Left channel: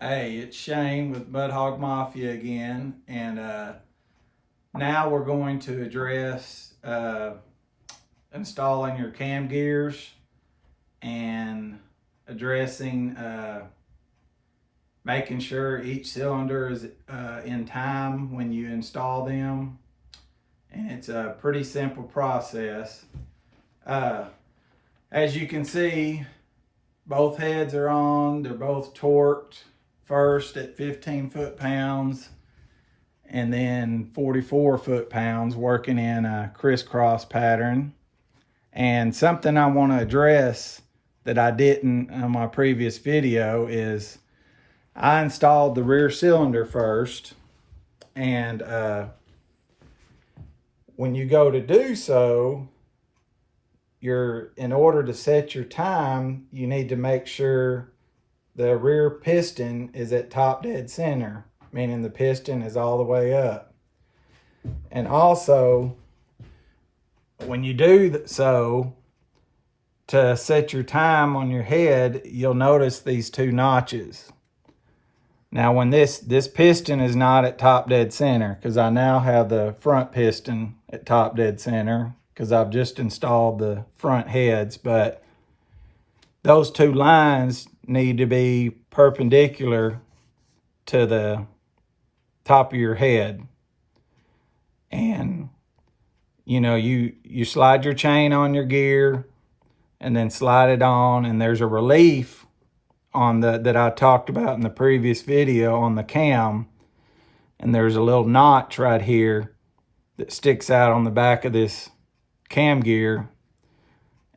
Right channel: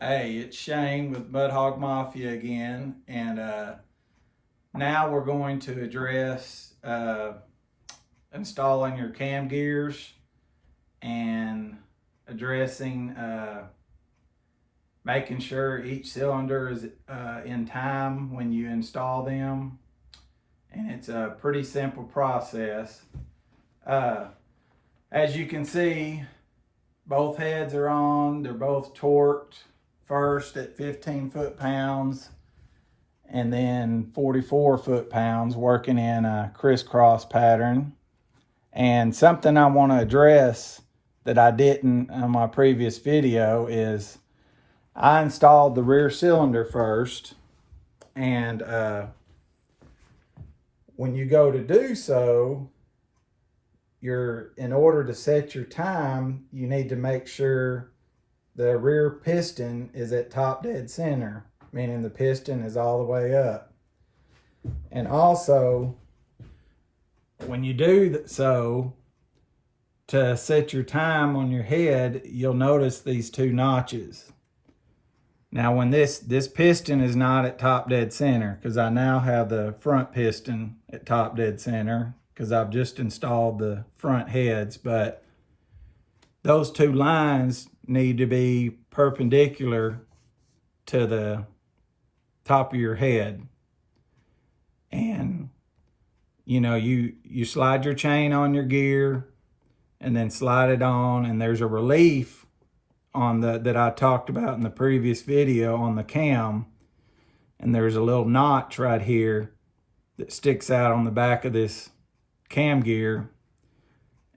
Hey, it's Shane with Mud Hog Mafia again, and now we're going to address installing your cam gears and addressing making sure each cylinder is in time when you install them. And it's a pretty simple process. As you can see, both heads are on. They're both torqued. First at 15 foot-pounds and then 44 foot-pounds, working in a crisscross pattern. And something I want to address that I didn't on my previous video is I installed the rear cylinder first, and when you go to do so, in order to set your time, you need to make sure the rear piston is at top dead center, meaning the piston is all the way up. And also, when you do so, to set your time on your head, you'll notice these two notches. Now, when this piston is not at top dead center, because I now have the front piston at top dead center, because I've just installed the front heads, but those two lines need to be perpendicular to the top of your head. And you slide your chain on your gear and then slide it on, and there's a relief on that I talked about in the previous video on the cam, and there's a little notch right here that sticks out on the back of this cam gear,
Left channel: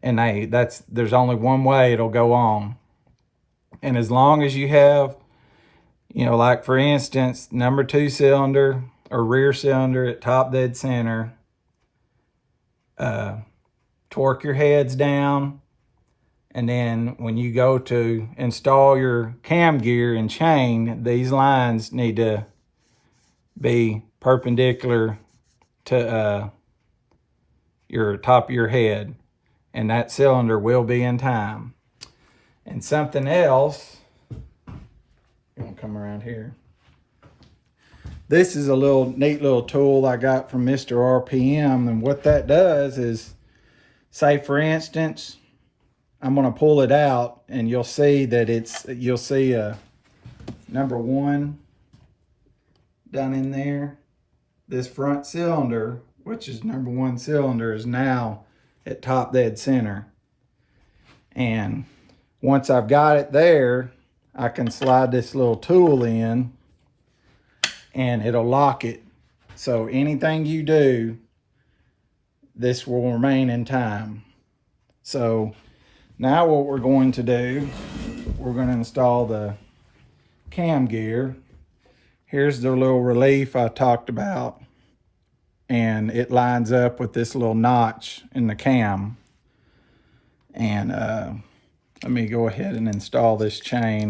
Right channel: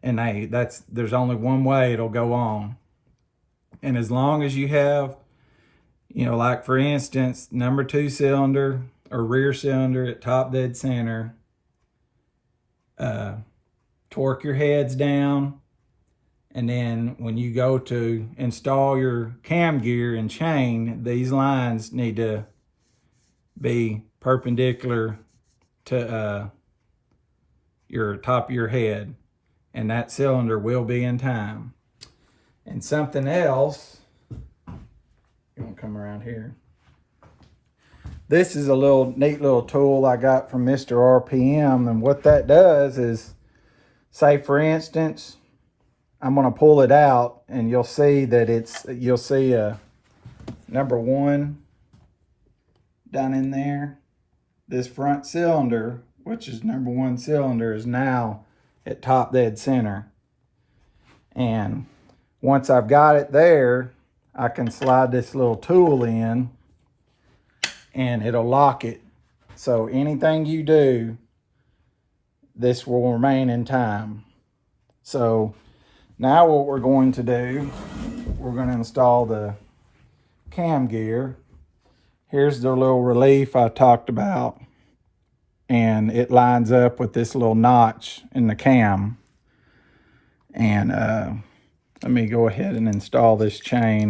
and there's only one way it'll go on. And as long as you have, like for instance, number 2 cylinder or rear cylinder at top dead center, torque your heads down, and then when you go to install your cam gear and chain, these lines need to be perpendicular to your top of your head, and that cylinder will be in time. And something else, you want to come around here. This is a neat little tool I got from Mr. RPM, and what that does is, say for instance, I'm going to pull it out, and you'll see that you'll see a number 1 down in there. This front cylinder, which is number 1 cylinder, is now at top dead center. And once I've got it there, I can slide this little tool in and it'll lock it. So anything you do, this will remain in time. So now what we're going to do, we're going to install the cam gear. Here's the little relief I talked about, and it lines up with this little notch in the cam. And let me go ahead and install this chain.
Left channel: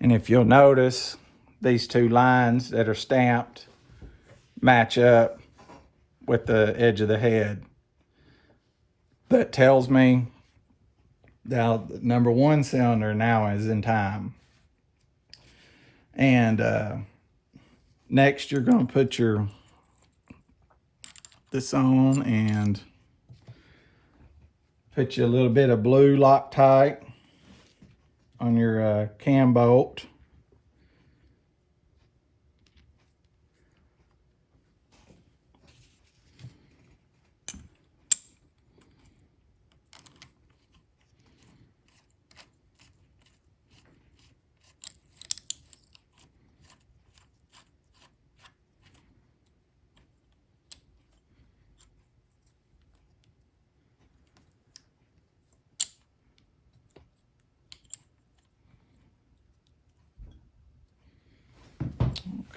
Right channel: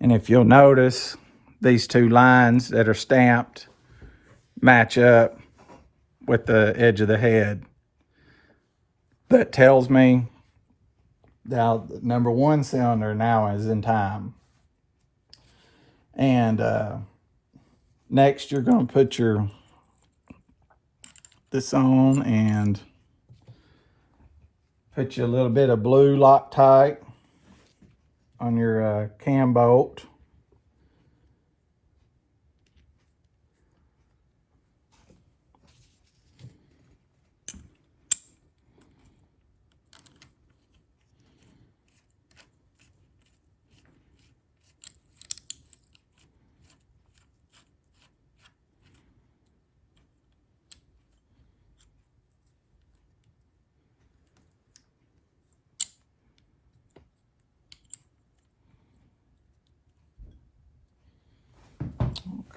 And if you'll notice, these two lines that are stamped match up with the edge of the head. That tells me now the number 1 cylinder now is in time. And next you're going to put this on and put you a little bit of blue Loctite on your cam bolt.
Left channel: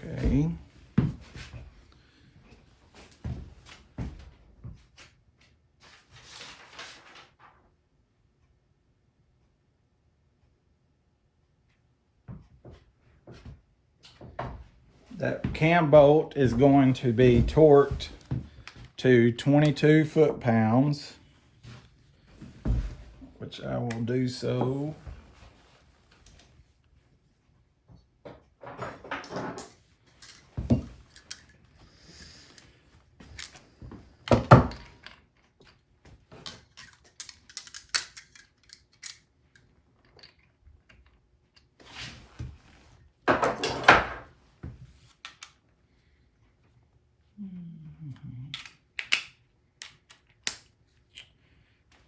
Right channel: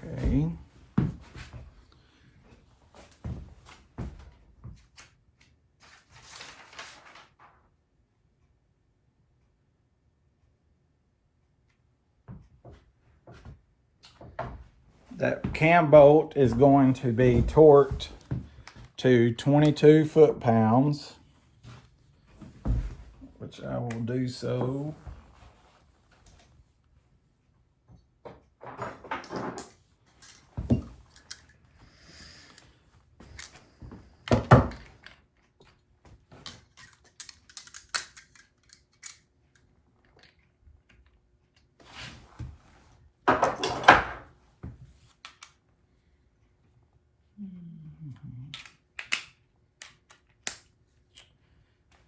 Okay. That cam bolt is going to be torqued to 22 foot-pounds, which I will do so.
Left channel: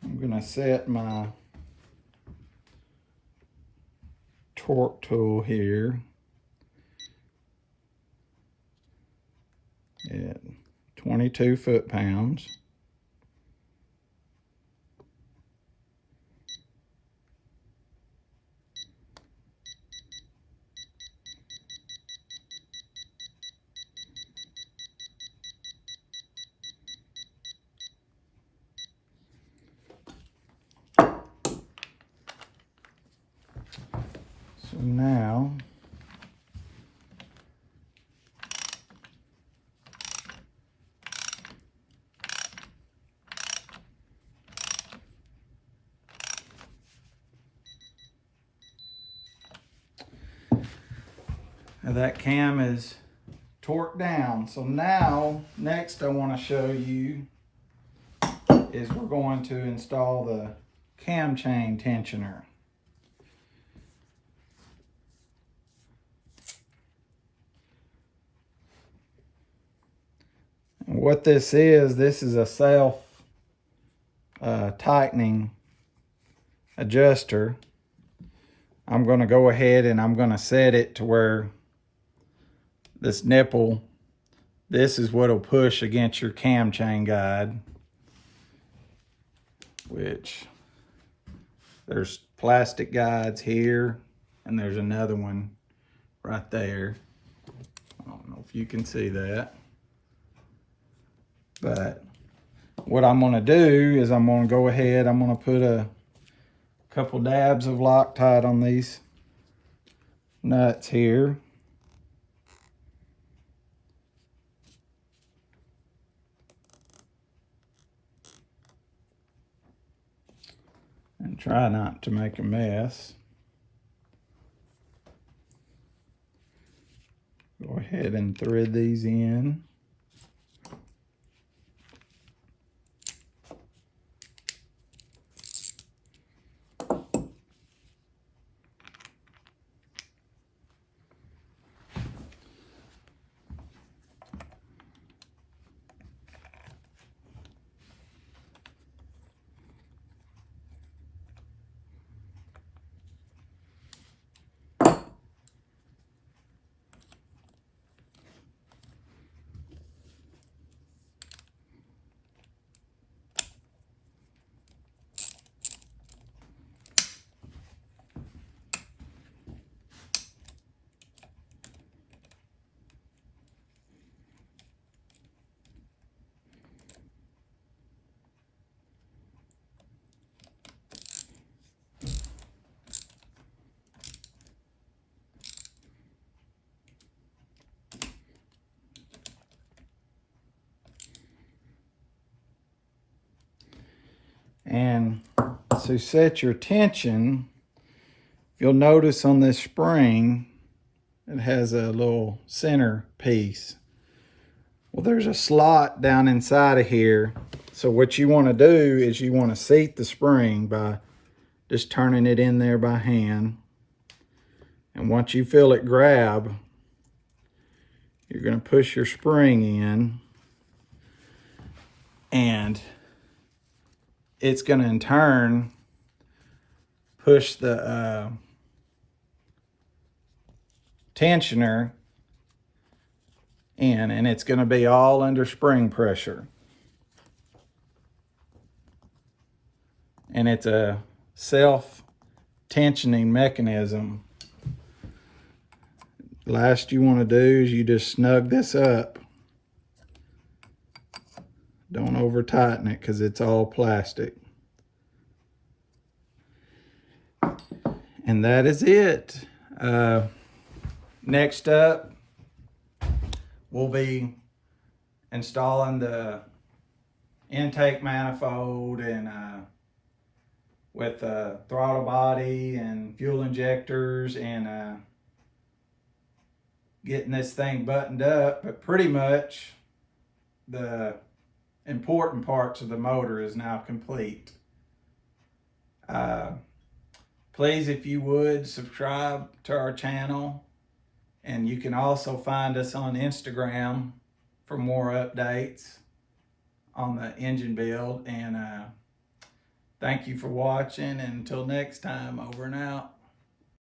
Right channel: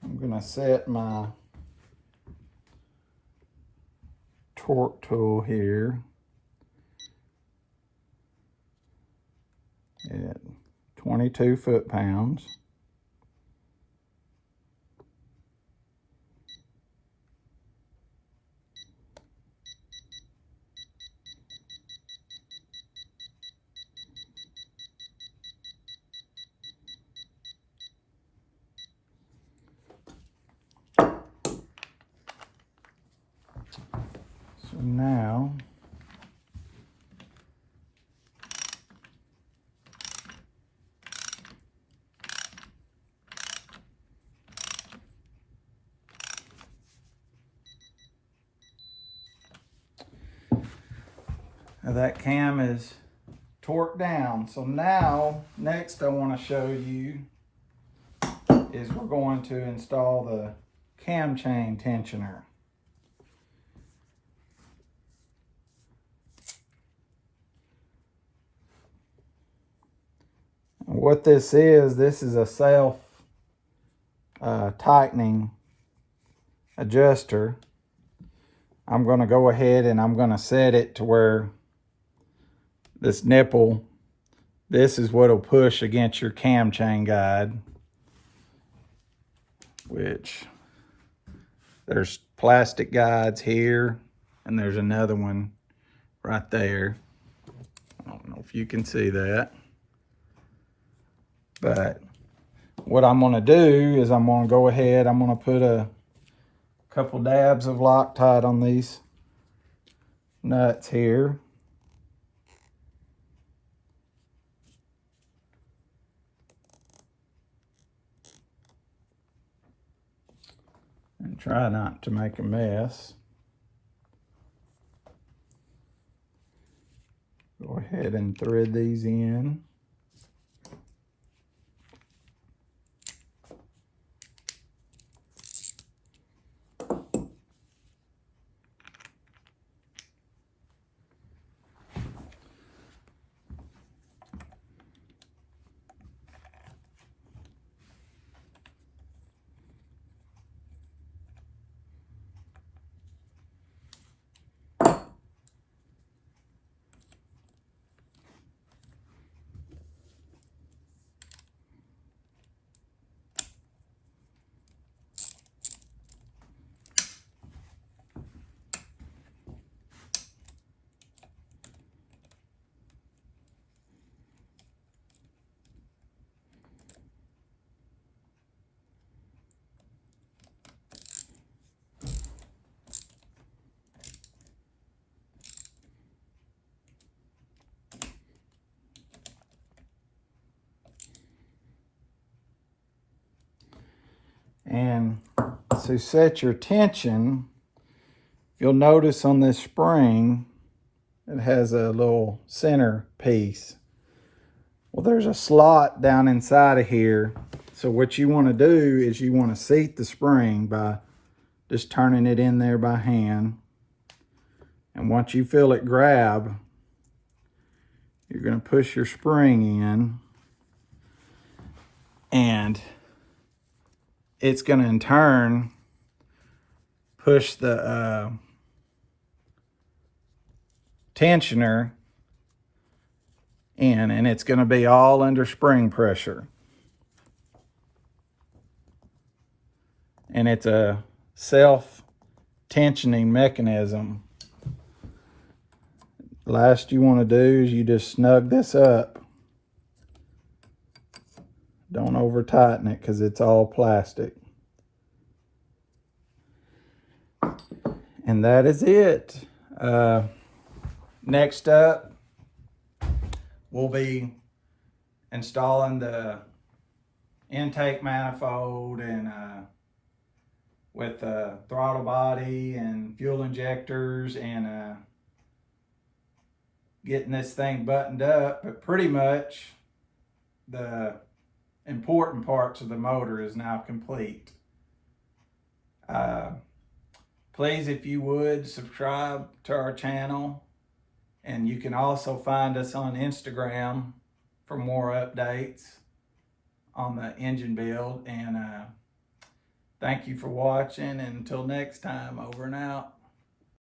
I'm going to set my torque tool here at 22 foot-pounds. So now that cam is torqued down. So now, next I want to show you is we're going to install the cam chain tensioner. And what this is a self tightening adjuster. I'm going to go ahead and I'm going to set it to where this nipple, this is what will push against your cam chain guide, which there's plastic guides here and there's another one right there. I don't know if you can see that, but what I'm going to do is I'm going to go ahead, I'm going to put a couple dabs of Loctite on these nuts here. And try not to make a mess. Go ahead and thread these in. And to set your tension, you'll notice on this spring, it has a little center piece. Well, there's a slot down inside of here. So what you want to do is you want to seat the spring by just turning it in there by hand. And once you feel it grab, you're going to push your spring in, and it's going to in turn push the tensioner in, and it's going to be all under spring pressure. And it's a self-tensioning mechanism. Last you want to do is you just snug this up. Don't over tighten it because it's all plastic. And that is it. Next up, we'll be installing the intake manifold and with the throttle body and fuel injectors and getting this thing buttoned up. But pretty much the important parts of the motor is now complete. Please, if you would, subscribe to our channel, and you can also find us on Instagram for more updates on the engine build. And thank you for watching, and until next time, over and out.